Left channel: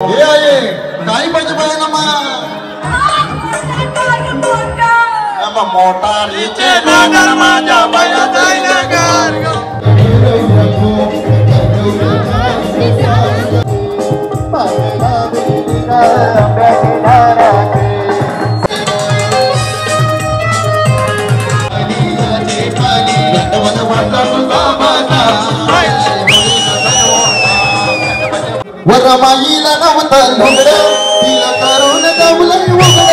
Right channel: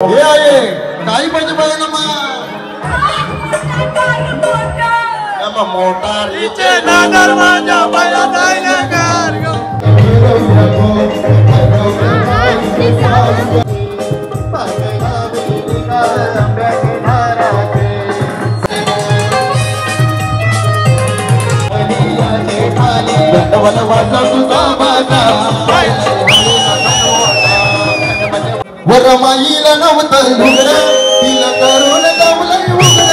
हे आहे काही पाहिजे बघा ना मग मोठा रीचे नगर माझ्या पाया जाय नगर वरमाईला नव्हता घुगड तिला करून गावलं उघड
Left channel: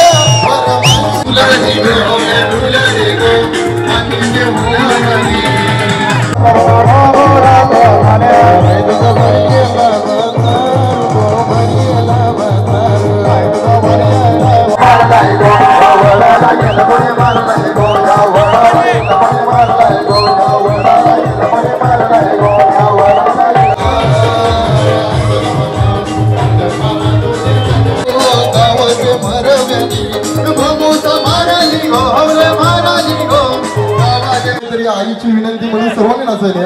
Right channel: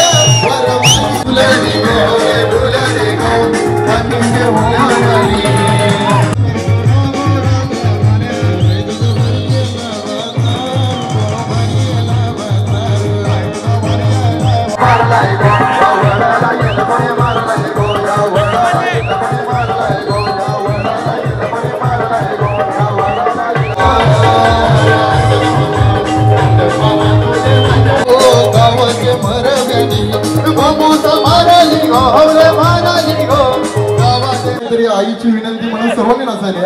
आईची विनंती म्हणून सर्वांनी नसेल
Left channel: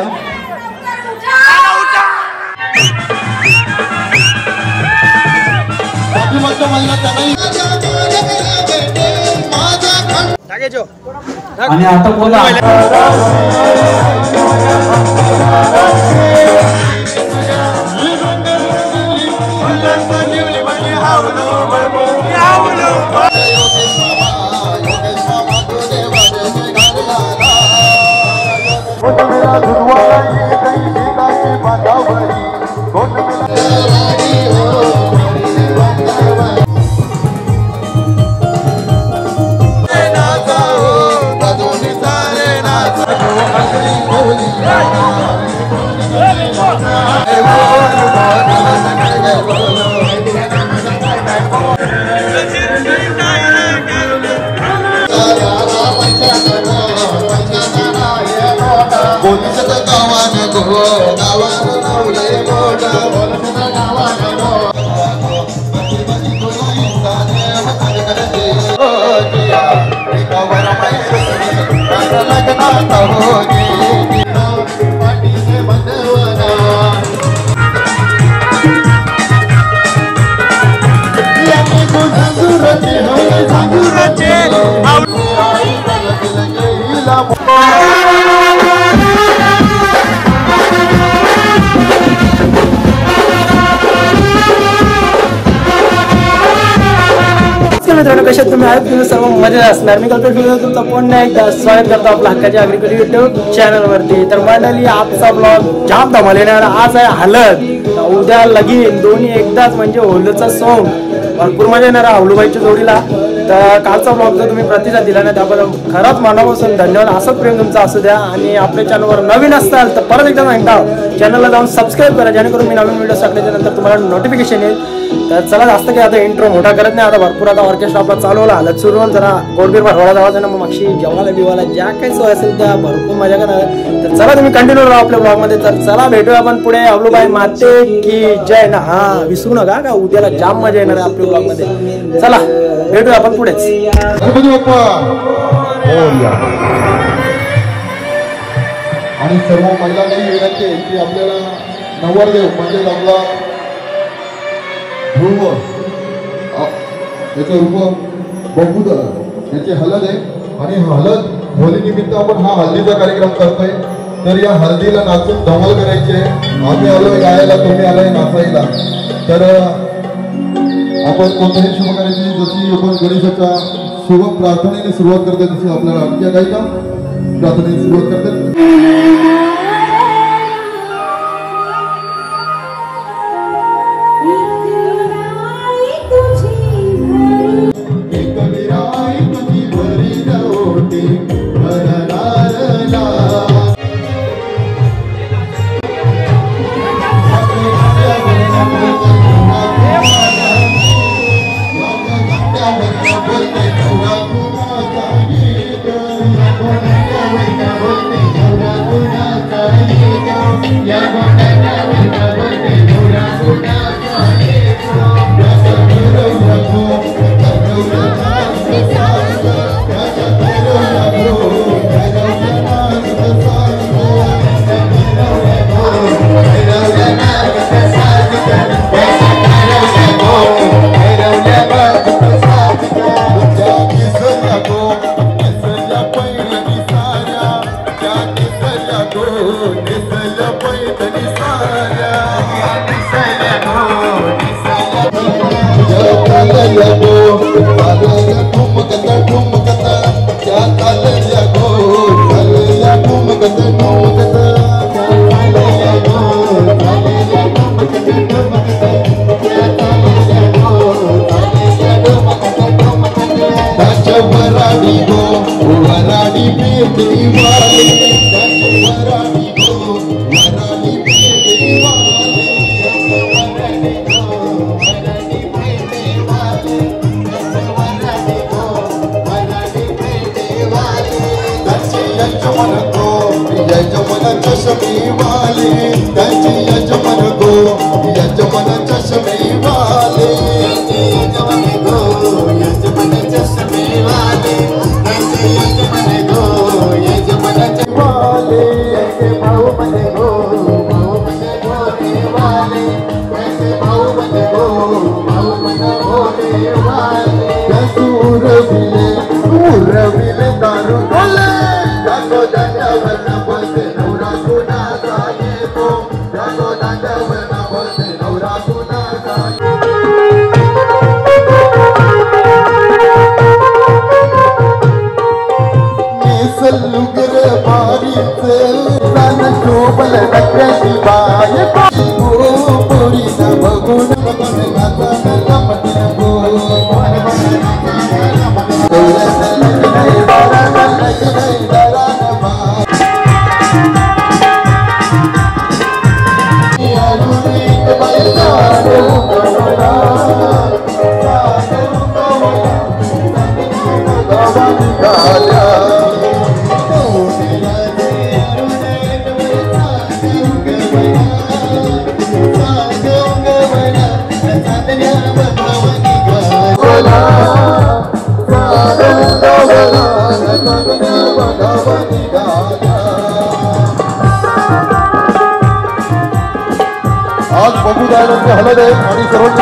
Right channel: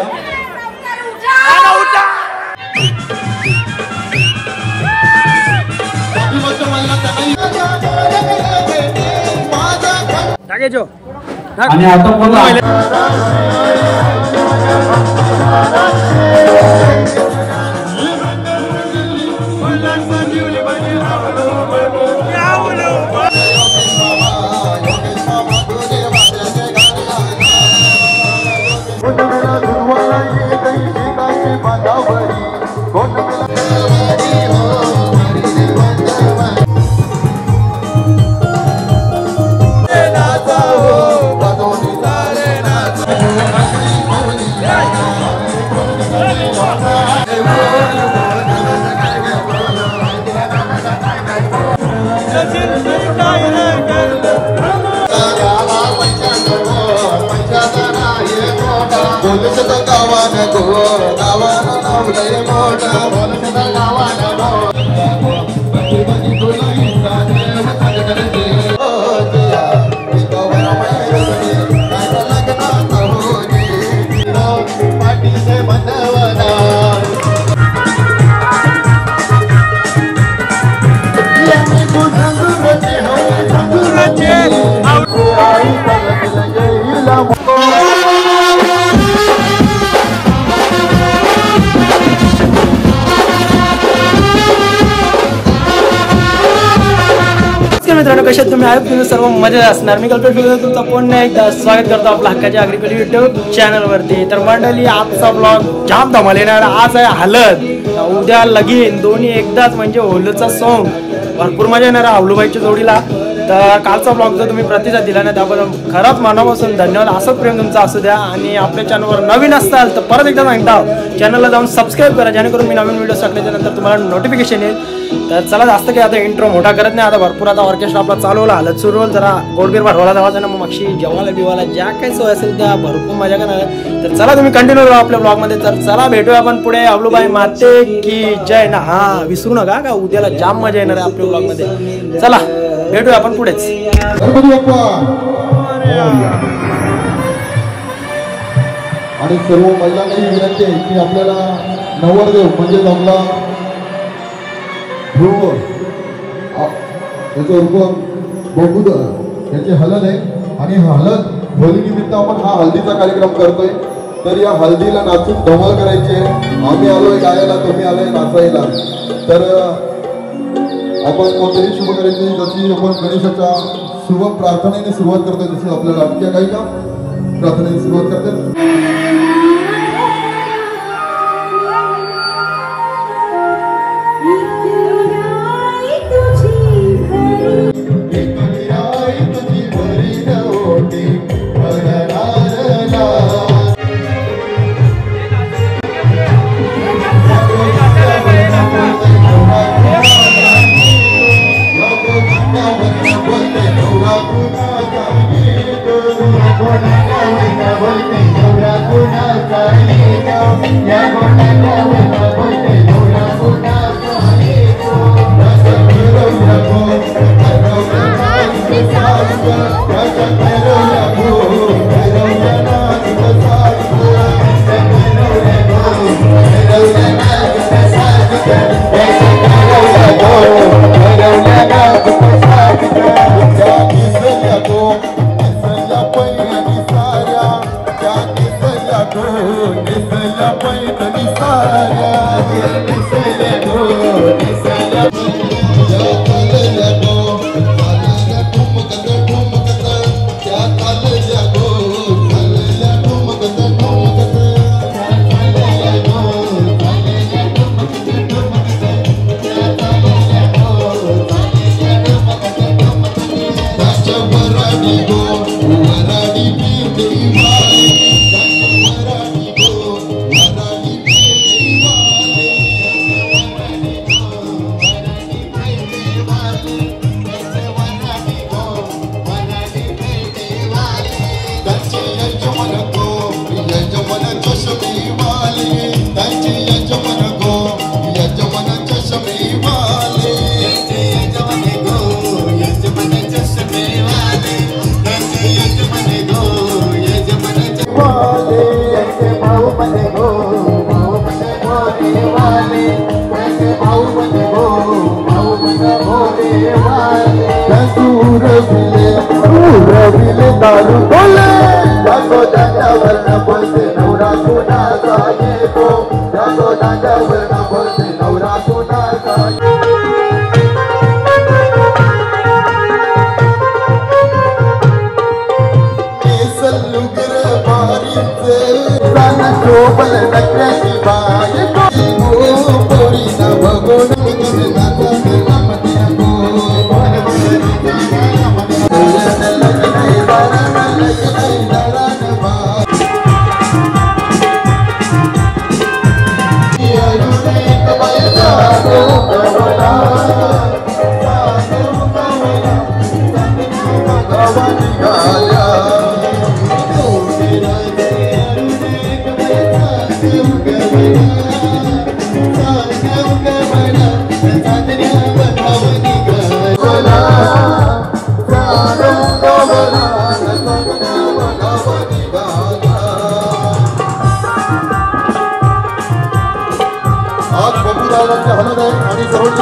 आणि आता बोला मित्रांनो, कशा तुम्ही आहात? तुम्ही सर्व मजेत असणार. मी कल्पेश तुमचा पुन्हा एकदा स्वागत करतो आपल्या हक्काच्या अग्रिकल्चर युट्यूब चॅनल वरती. तर मंडळी, आजचा ब्लॉग जाम धमाल येणार. आज आहे हळद, उद्या लगीन, दोन्ही एकदाच म्हणजे होलीचा सॉन्ग. भरपूर मजा येणार हावलूबाईच्या जोडीला. तर कालचा ब्लॉग जर तुम्ही प्रतिसाद दिला ना त्याबद्दल खरंच मनापासून धन्यवाद. असंच प्रेम तुमचं असू द्या. आणि आपल्या चॅनलवर नवीन असताल तर परत एकदा सांगता चॅनलला जाऊन सबस्क्राईब करा, जेणेकरून मी नवीन व्हिडिओ टाकल्याच्या नंतर तुम्हाला नोटिफिकेशन येईल. तर चला, जास्त काही आता इंट्रो मोठा करत नाही. आता भरपूर आता ऑर्केस्ट्रा आपला चालू होला, हलत सुरू होईल. जरा गोडबीर भरवायला जावायचं ना, मग मागशी जेवायला बिवायला ज्या काही सोय असेल त्या भरपूर मजा करणार. तर चला, तुम्ही कंटिन्यू राहा आपल्या ब्लॉग मध्ये. तर चला, भेटूया आपण पुढे. अवलूबाई माते की जय ना. हा, विसरू नका का उद्याला जाम मजा येणार आहे आपल्या ब्लॉग मध्ये. चला, भेटूया आपण पुढेच. आणि सर्व महिलांची विनंती आहे की आपल्याला नवरदेव म्हणजे आपला ध्रुव याचे रूप बघू याची हळद आहे. आणि हळद होली निमित्त आपण हा हळदीचा कार्यक्रम करतोय. तर या हळदीला नाचून धमाल करायची आहे. आम्ही आलोय गायला, तुम्ही आलाय नाचायला. तर आपण कोणत्याही शुभ करायची. जशी आपण गणेशाच्या शुभ प्रार्थनेने सुरुवात करतोय तशी आपल्याला आणखी काही काम प्रार्थनेने सुरुवात करते.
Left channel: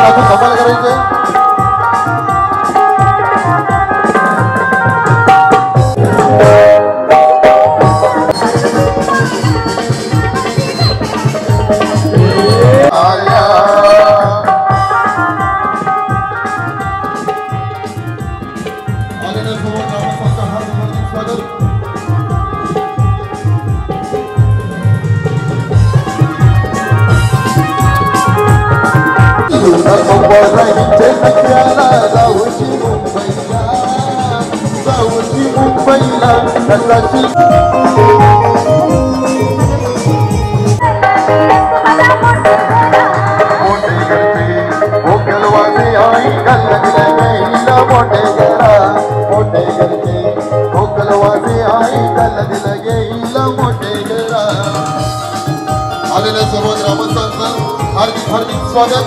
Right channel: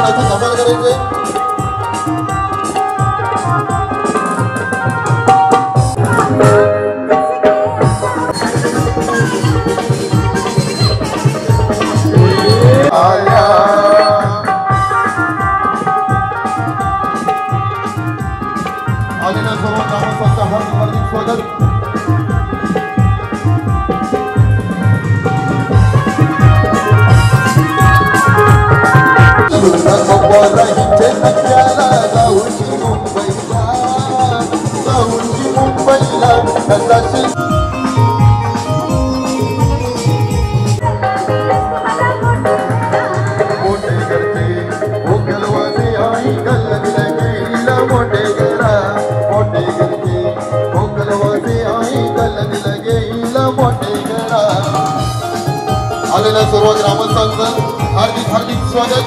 नाचून धमाल करायचंय. आलेल्या सर्व ग्रामस्थांचं हार्दिक हार्दिक स्वागत.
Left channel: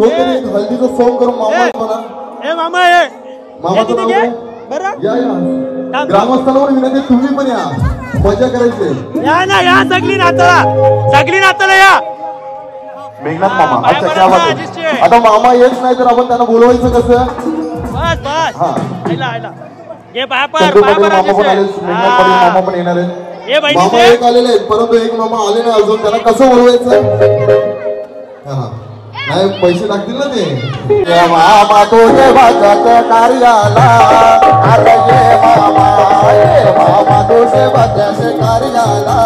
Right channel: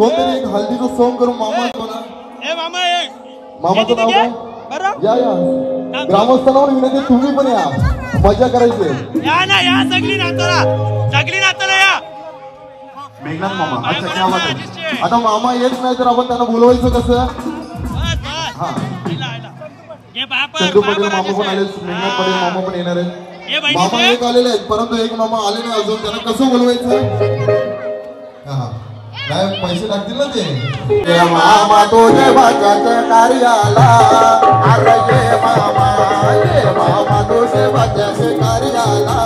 कोणतरी एक हल्दीचं सॉन्ग करून मामा म्हणा. मामा मामाचं नाव काय? या या ग्रामस्थांवर विनंती, तुम्ही पण या, मजा करायची. या ना या, सगळी नाताला या. मेघनाथ मामा. अच्छा, क्या बात आहे. आता मामा येत नाही तर आपण त्यांना बोलवायचं कसं? हा, चंदू पाटील मामा पण आले, मेघनाथ पाटील मामा पण येणार आहेत. मामा एक आलेले आहेत परंतु एक मामा आले नाही अजून, त्यांना कसं बोलवायचं? हा, नाही पैसे टाकतील ना ते. मामा तो देवाच्या कार्याला, आता ये मामा तो देवाच्या कार्याला.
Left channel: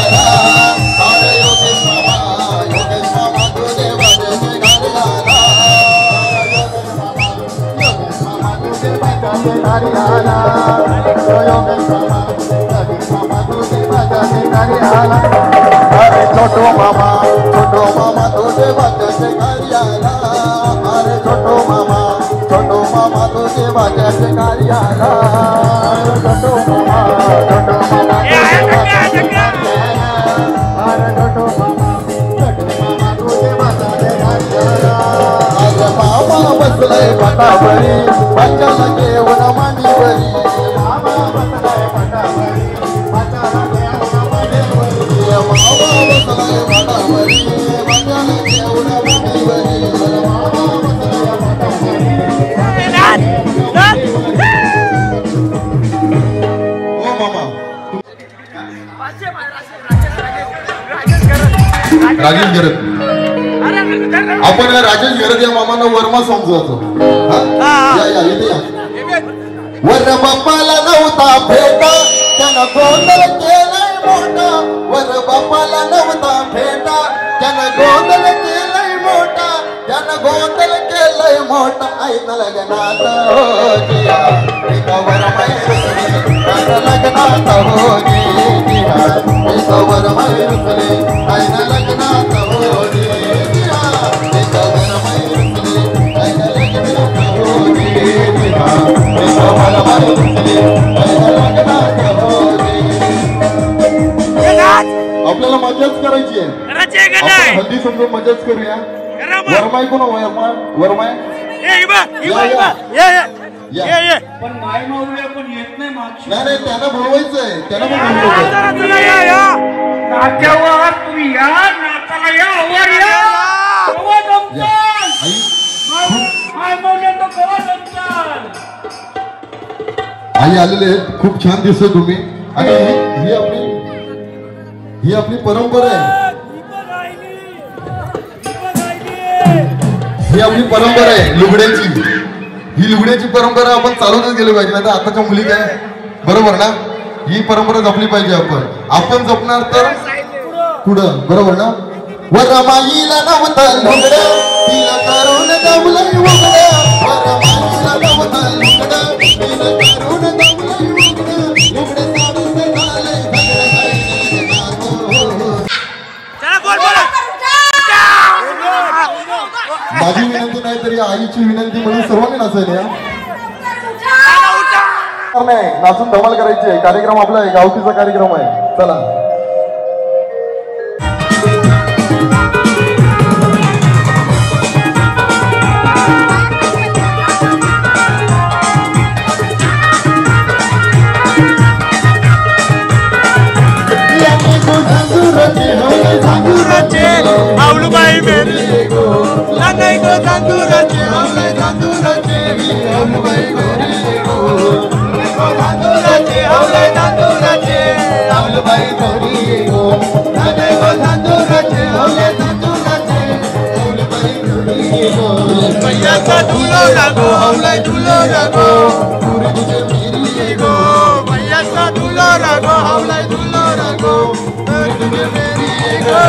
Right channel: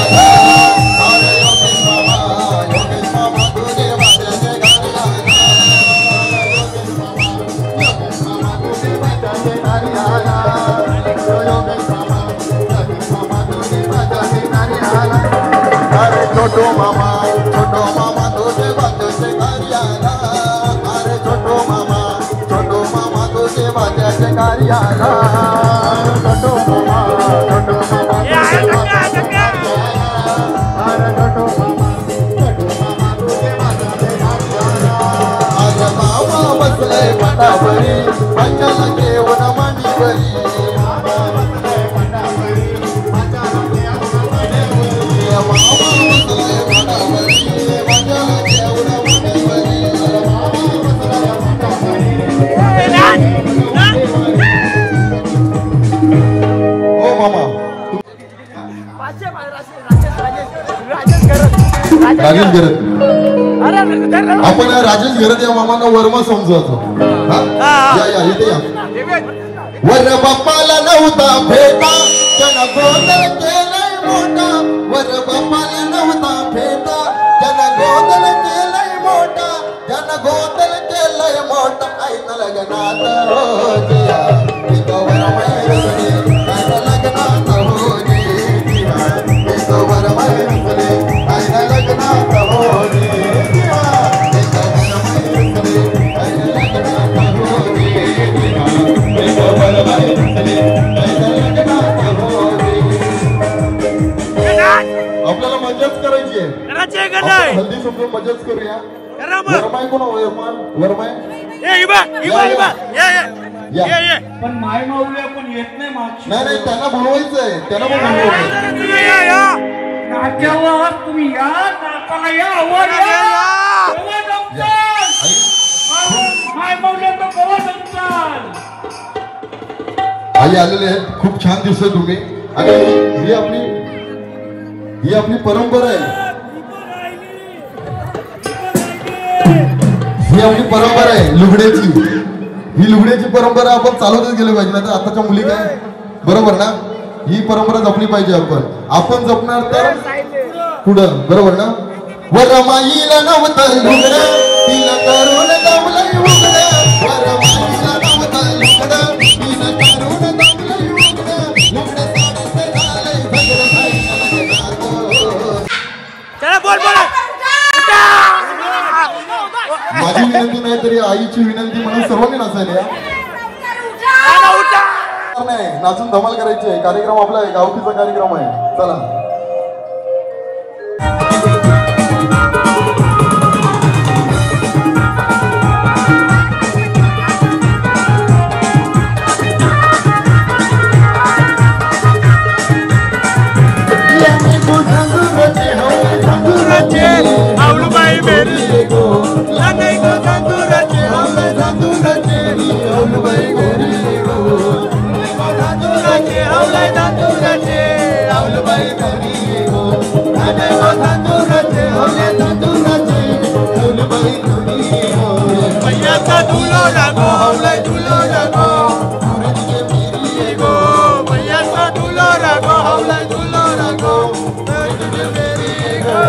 आला अरे योगेश मामा तुझे वाजते घरी आला अरे छोटो मामा तुझे वाजते घरी आला अरे छोटो मामा तुझे वाजते घरी आला छोटो मामा ए आया जग्गा जग्गा अरे छोटो मामा तुझे वाजते घरी आला आज मामा बसले पाटावरी पंचाला घेऊन मांडीवरी मामा बसले पाटावरी पंचाला घेऊन मांडीवरी मामा बसले पाटावरी पंचाला घेऊन मांडीवरी मामा बसले पाटावरी ए नाच ओ मामा राजेश गिरत आपण राजेश गिरत या मामांना वर्मा समजवतो या इथे या वर बाप्पाला नव्हता भेटा त्यानं गोंधळ केलाय मोठा वर बाप्पाला नव्हता भेटा त्यानं गोंधळ केलाय मोठा त्यानं गोंधळ केलाय मोठा ऐक लग्नात हो जिया एकावर मायसरे ऐक लग्नात हो जिया एकावर मायसरे ऐक लग्नात हो जिया एकावर मायसरे ऐक लग्नात हो जिया एकावर मायसरे ऐक लग्नात हो जिया ए नाच आपल्याला मजाच करायची आहे करायचे का नाही हल्दी समजून मजाच करूया करा मग वरमाई कोण वरमाई ए इबा ये पण माय माऊल्या पण येत नाही मागची नाही त्यांना बोलवायचंय त्यांना पण बोलवायचं तुला या नाट्यावर तुम्ही या नाताला या वर या केव्हा जमचाल? माय माऊल्या तर केव्हा जमचाल? आई आलेले आहेत खूप छान दिसतो तुम्ही आणि ही आपली परंपरा आहे ही आपली परंपरा आहे लुगड्याची ही लुगड्याची परंपरा आपण चालवतच गेलो पाहिजे आता आताच्या मुली काय बरोबर ना ही परंपरा जपली पाहिजे आपण जपणार तर पुढं बरोबर ना वर माईला नव्हता लुगडं तिला करून दमलंय उघडं वर माईला नव्हता लुगडं तिला करून दमलंय उघडं लुगडं चला बोल बोला माझी विनंती नाही तरी आईची विनंती म्हणून सर्वांनी नाचायला या नाही नाचून धमाल करायची आहे कार्यक्रम आपला आहे गावकीचा कार्यक्रम आहे चला आवलूबाई मेरी नाही गो तांदूराचे आवलाय तांदूराचे आवलूबाई मेरी गो तांदूराचे आवलाय तांदूराचे आवलूबाई मेरी गो नाही गो तांदूराचे आवलाय तांदूराचे आवलूबाई मेरी गो मैयाचा दुलो लागो आवलाय दुलो लागो गो मैयाचा दुलो रागो आवलाय दुलो रागो तुझे मेरी गो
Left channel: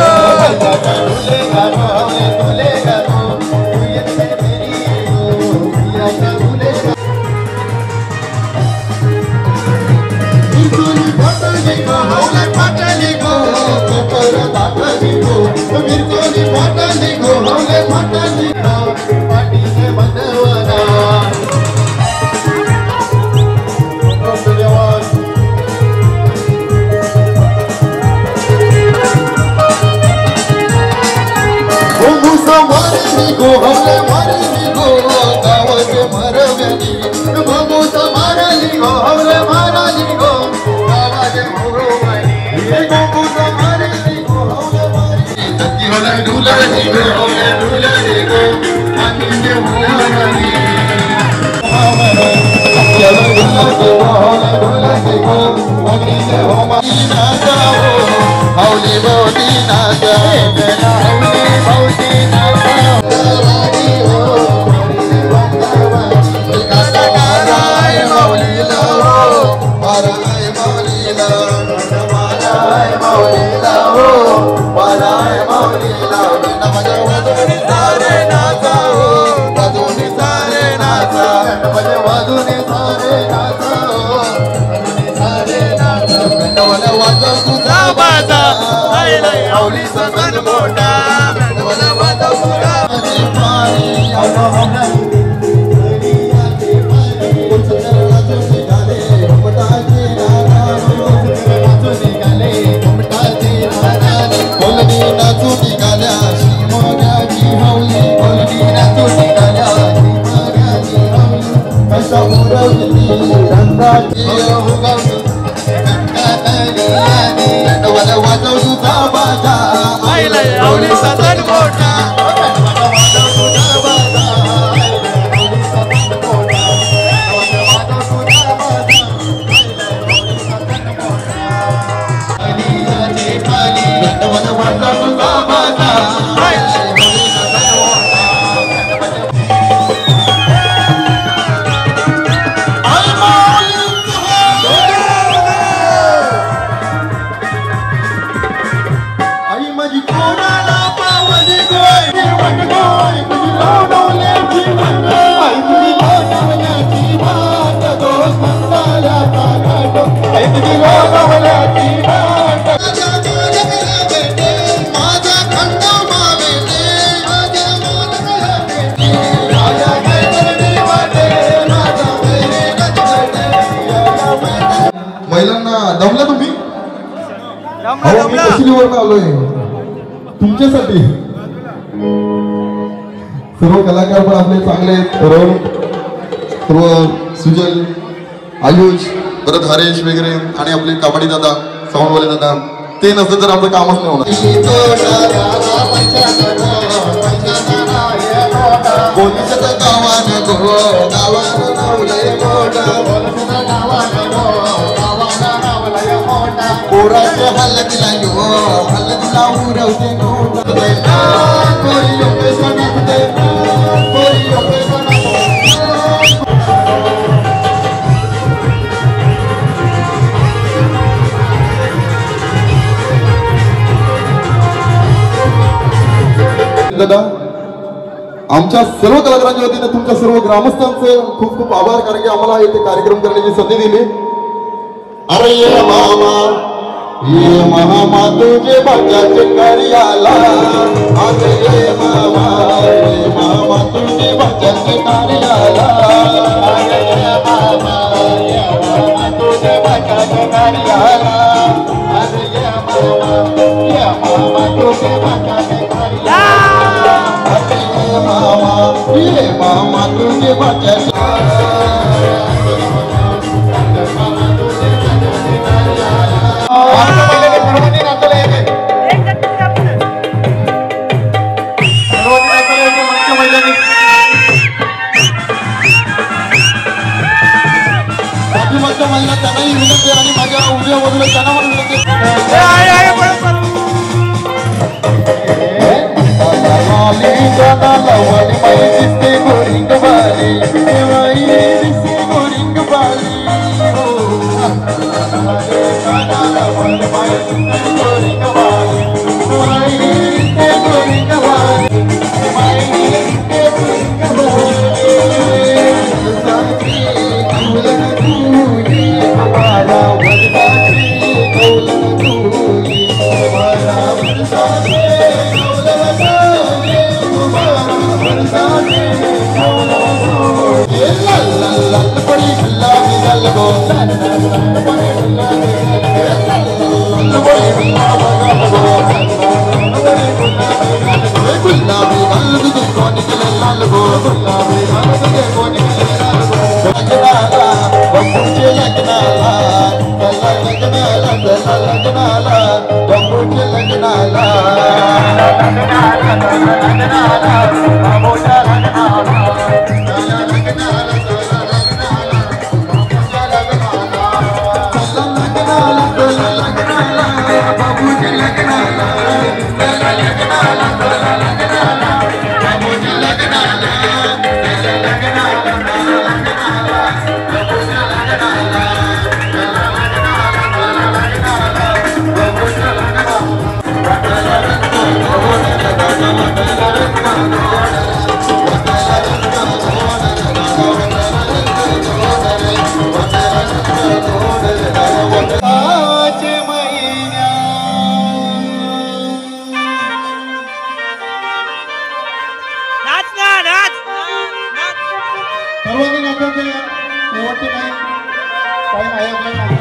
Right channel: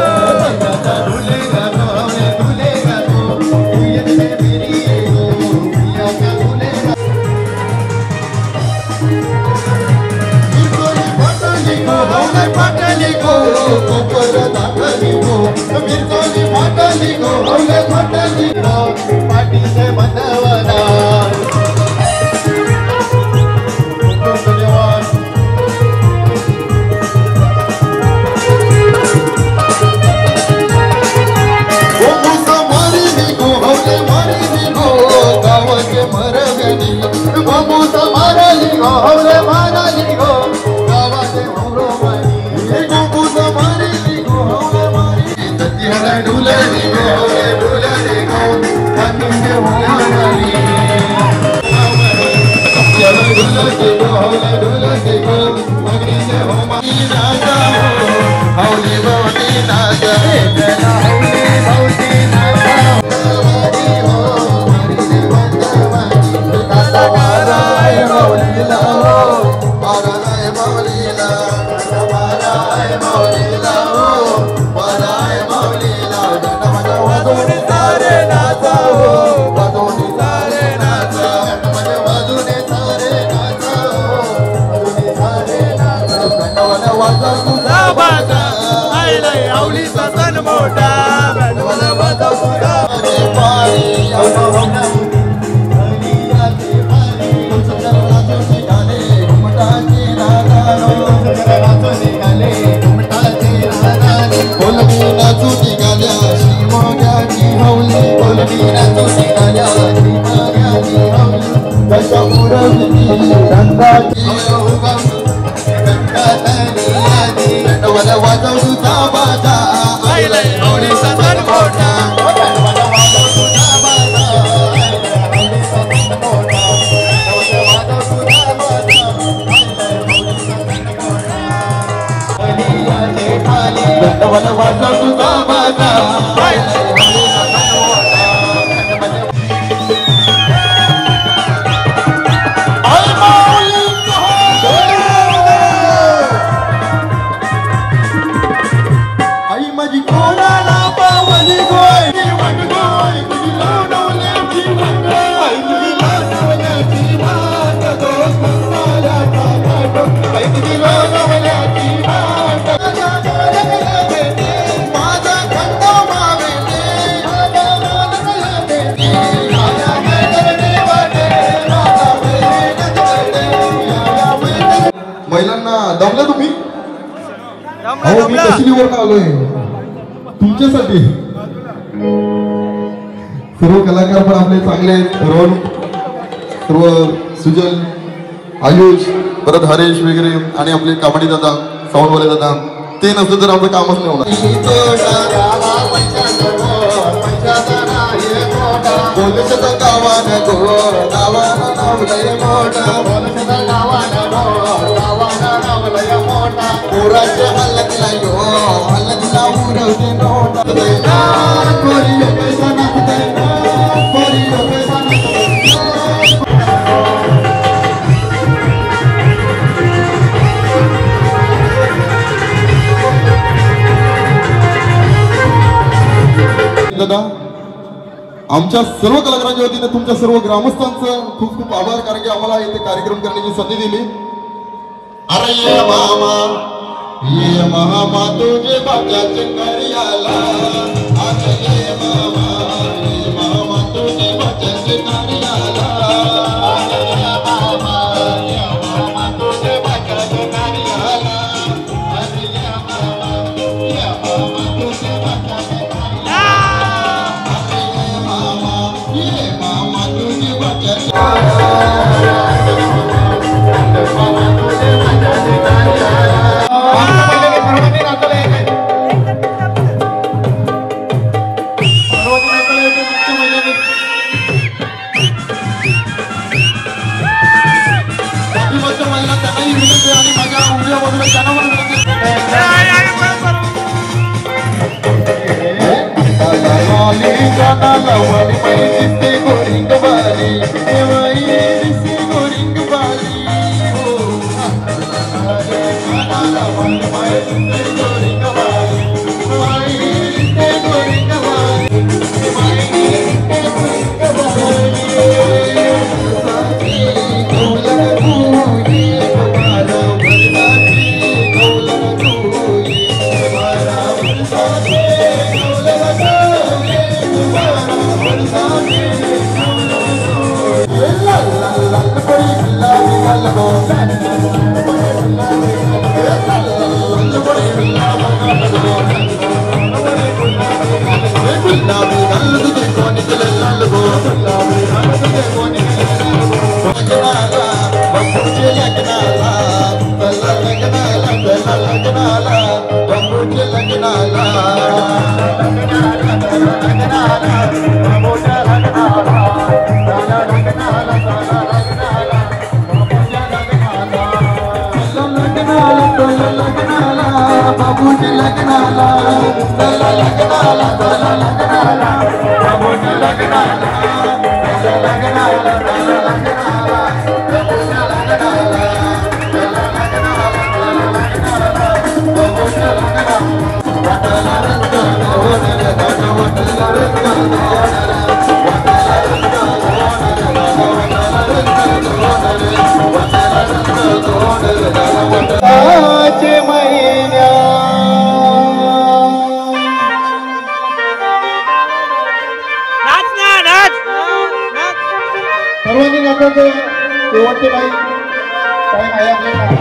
मौलीला माझा तुझा बाजा आईला होळीचा सण मोठा माझा तुझा बाजा महिलांना दमल्या तुम्ही अहो मी कशीवरून आलोय तुमच्यासाठी सर्व कलाकार पण आपले चांगले रोहन सर्व सुजल आयुष परत हरेश वगैरे आणि आपले कबड्डी दादा साऊंडवाले दादा ते नसतं तर आमचं कामच नाही होणार दादा आमच्या सर्व कलाकारांच्या वतीने तुमच्या सर्व ग्रामस्थांचं खूप खूप आभार कारण की आम्हाला इथे कार्यक्रम करण्याची संधी दिली अरे ये मामा तुझे भाग्याचे कार्याला अरे ये मामा तुझे भाग्याचे कार्याला अरे ये मामा तुझे भाग्याचे कार्याला अरे ये मामा तुझे भाग्याचे ये मामा तुझे भाग्याचे सर्वांनी नाचायचं शेवटचे काही टाइम आहे आपल्याला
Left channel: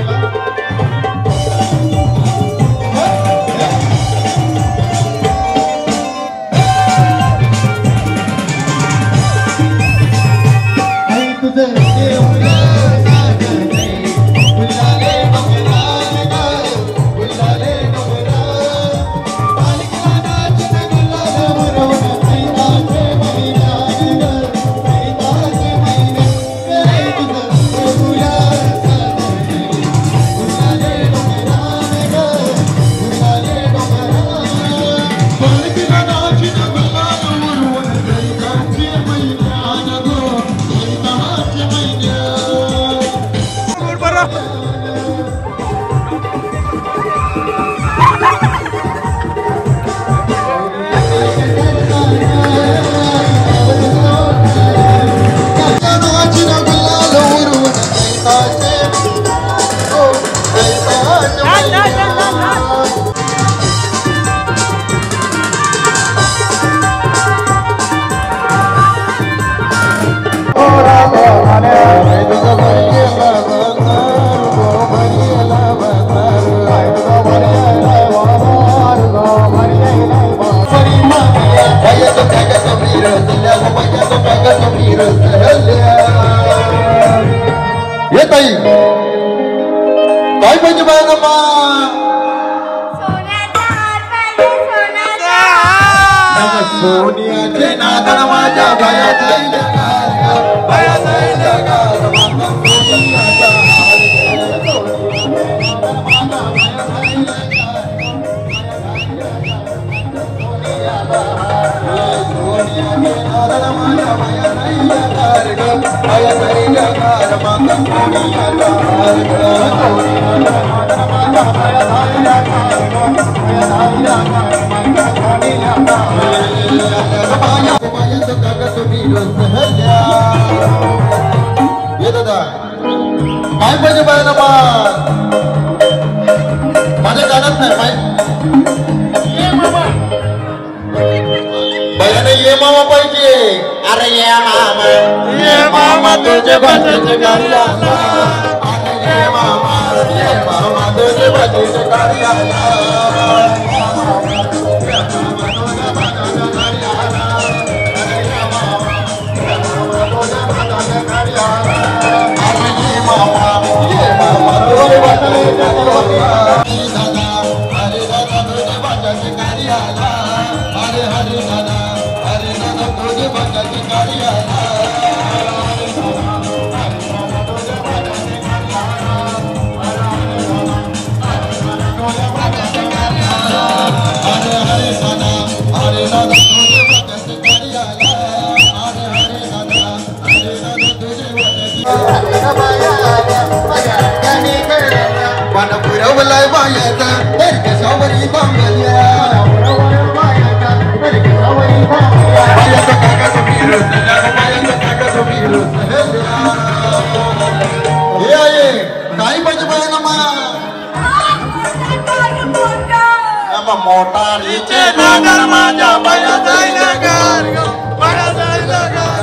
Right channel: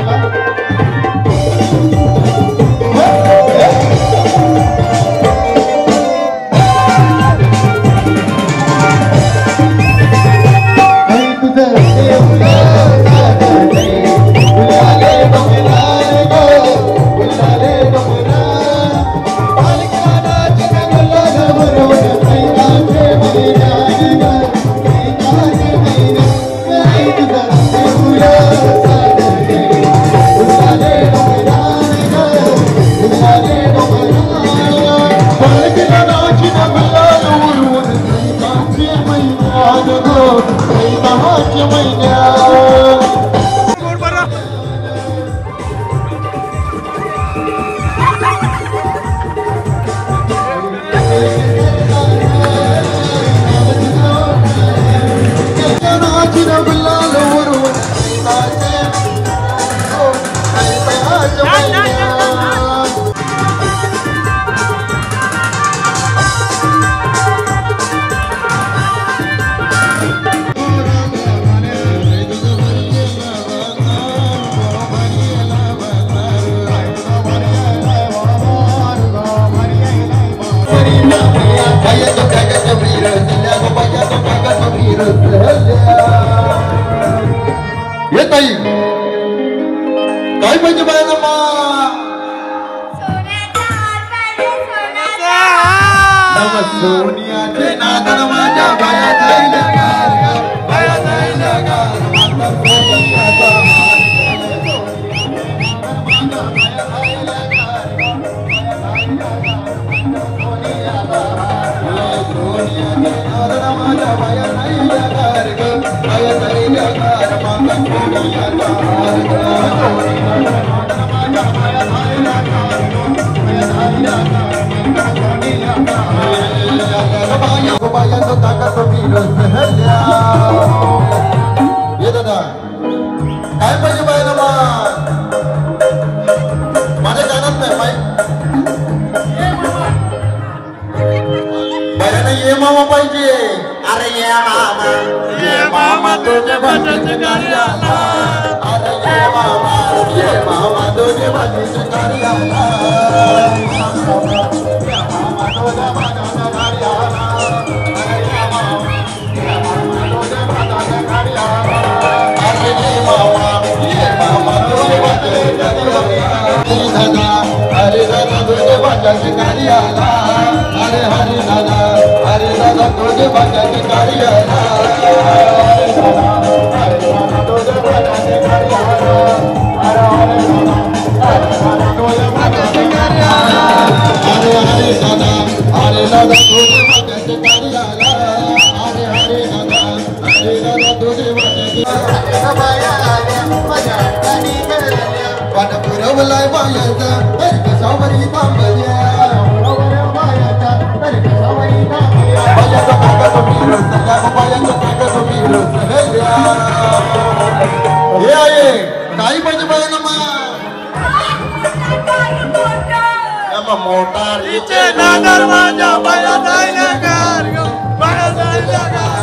सोनियाचे नादन माझ्या बायात राहिल्या गार बायात राहिल्या गार सोनियाचा माझ्या बायात राहिल्या गार बायात राहिल्या गार ये दादा काय पाहिजे बायला माझ्या जाणत नाही बायाने ये मामा पाहिजे अरे ये मामा तुझे बटाचे गाडी आला अरे ये मामा तुझे बटाचे गाडी आला हरे दादा तुझे बटाचे गाडी आला अरे हरे दादा तुझे बटाचे गाडी आला भरवलाय बायाचा कशावरी बांबल्या बायाचा टाका हे आहे काही पाहिजे बाया मोठा नादर माझ्या बाया जायला गार बाया जायला गार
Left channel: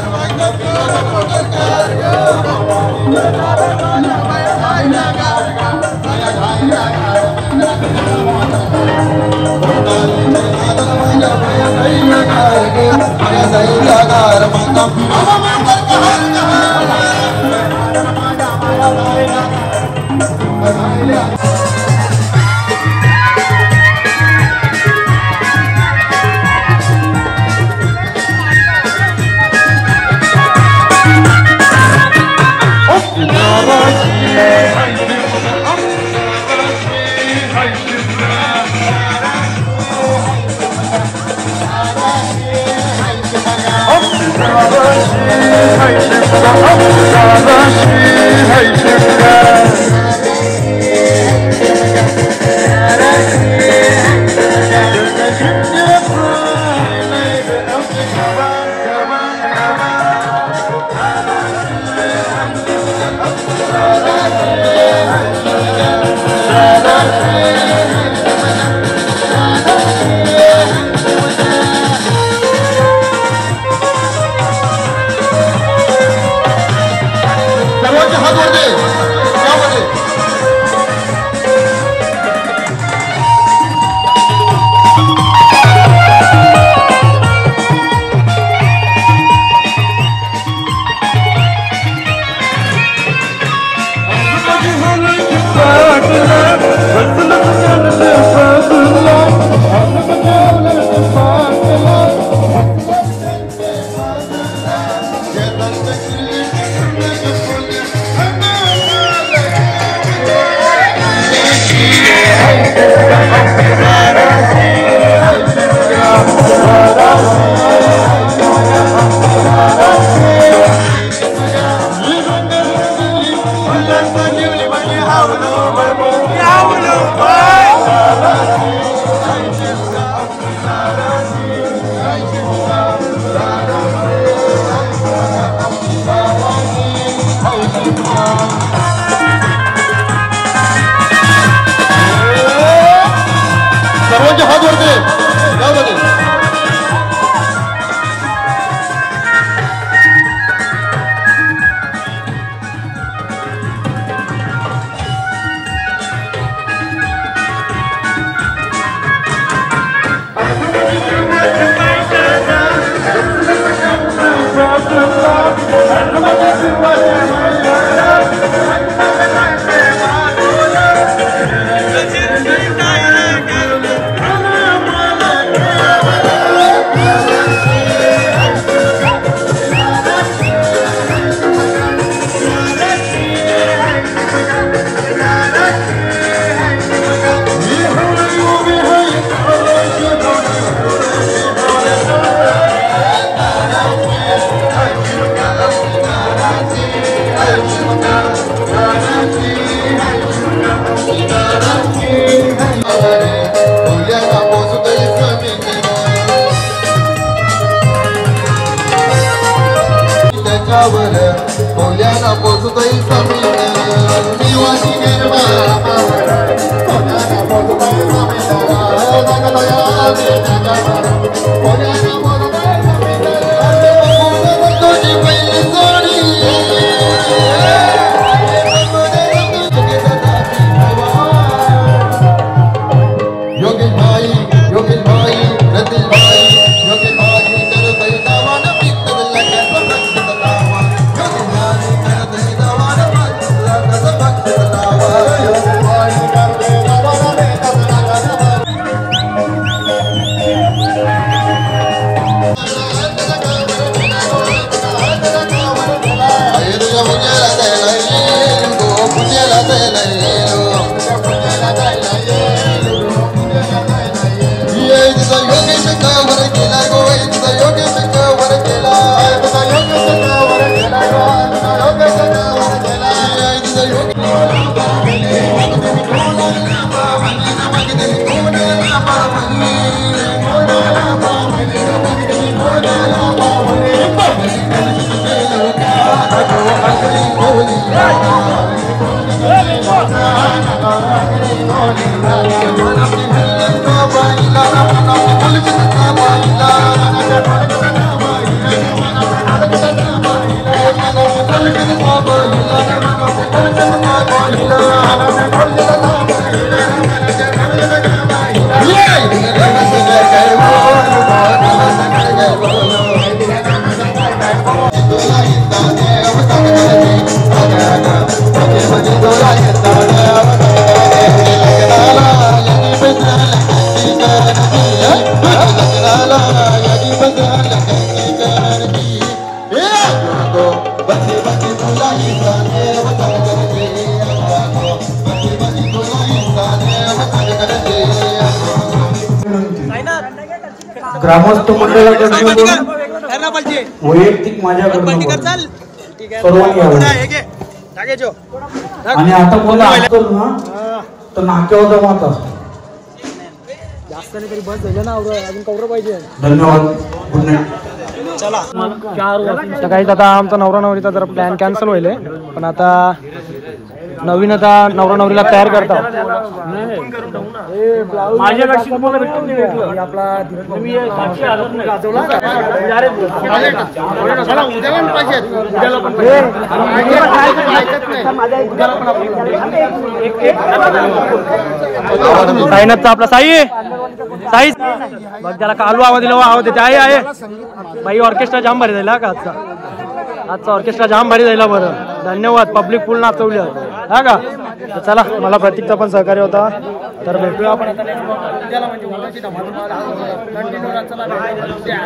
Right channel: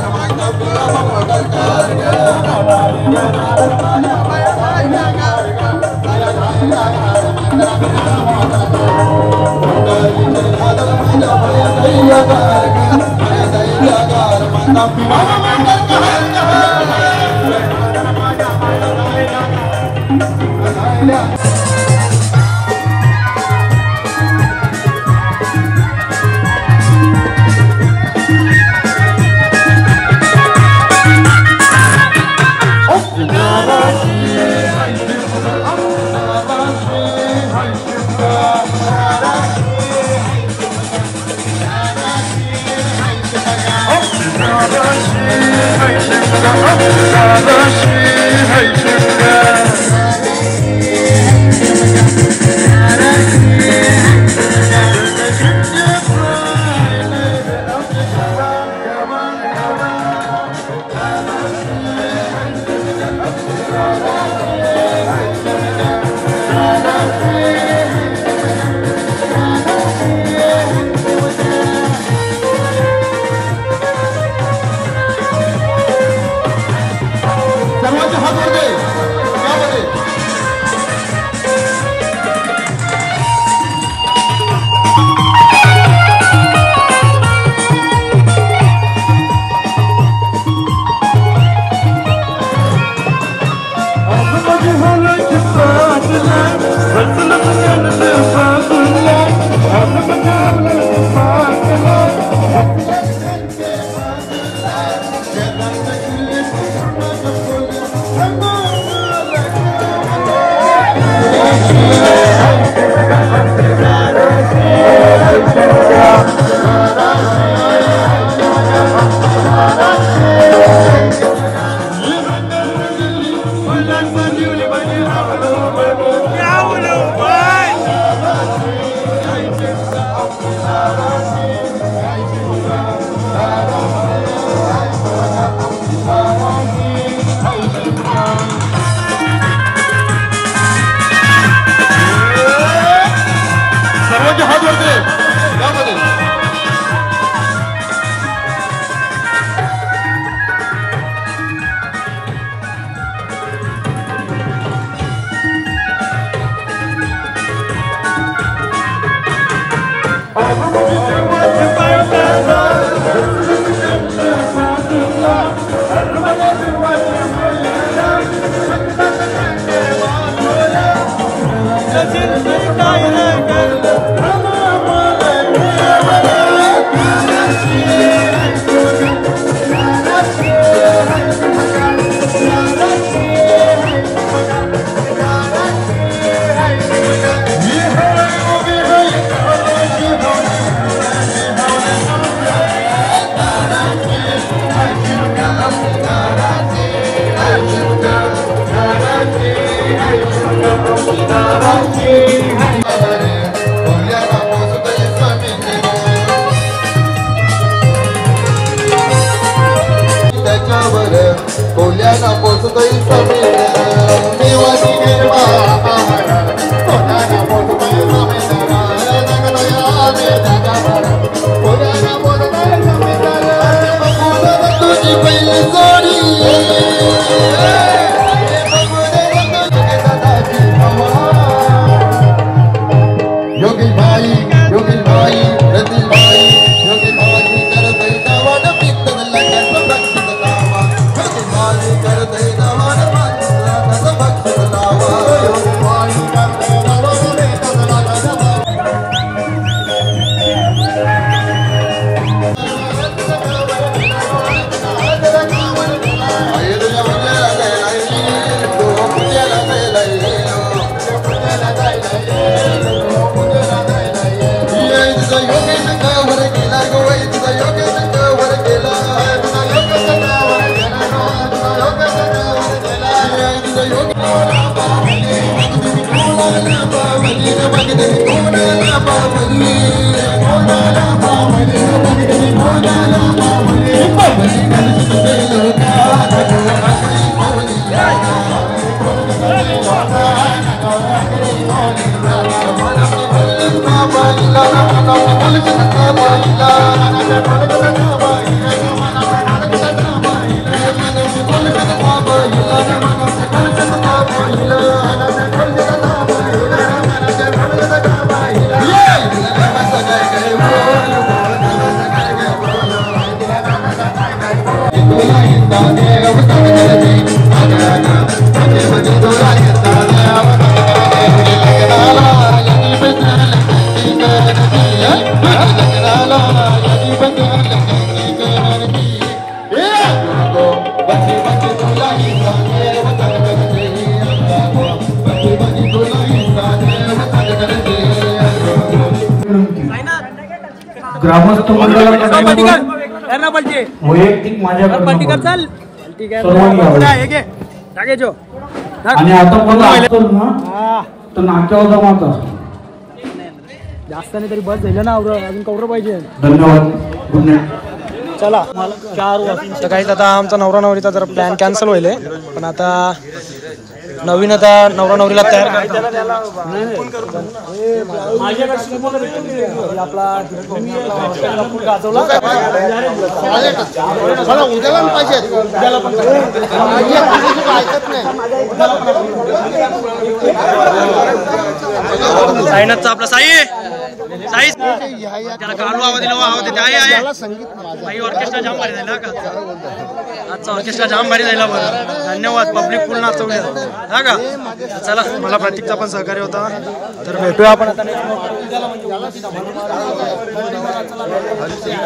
ग्रामस्थ वैयक्तिक माझ्याकडून आणि आता मला तर नाक्यावर जमावता जास्त नाही तरी बस झालं ना अजून कवडं पाहिजे. धन्यवाद. Good night. चला तर काहीच आता आमचा नवरा नवरीचा जरा प्लॅन कॅन्सल होईल पण आता नवीन आता नवरा नवरीला तयार करतात. आपला गाजवला उद्याला पाहिजे उद्याला पण पाहिजे ऐकत नाही उद्याला पण आपण साईनाथचा आपला साई साई त्याला कालू आवाज दिला आवाज देते आहे बाई ऑर्केस्ट्रा जाम भारी जाईल का आजचा ऑर्केस्ट्रा जाम भारी जायला. बरं धन्यवाद. पब्लिक फुल नाचवली हा का. तर चला मला प्रतीकचा पण सहकार्य होता तर भेटूया आपण उद्याला म्हणजे उद्याची धमाल कंटिन्यू. चला भेटूया.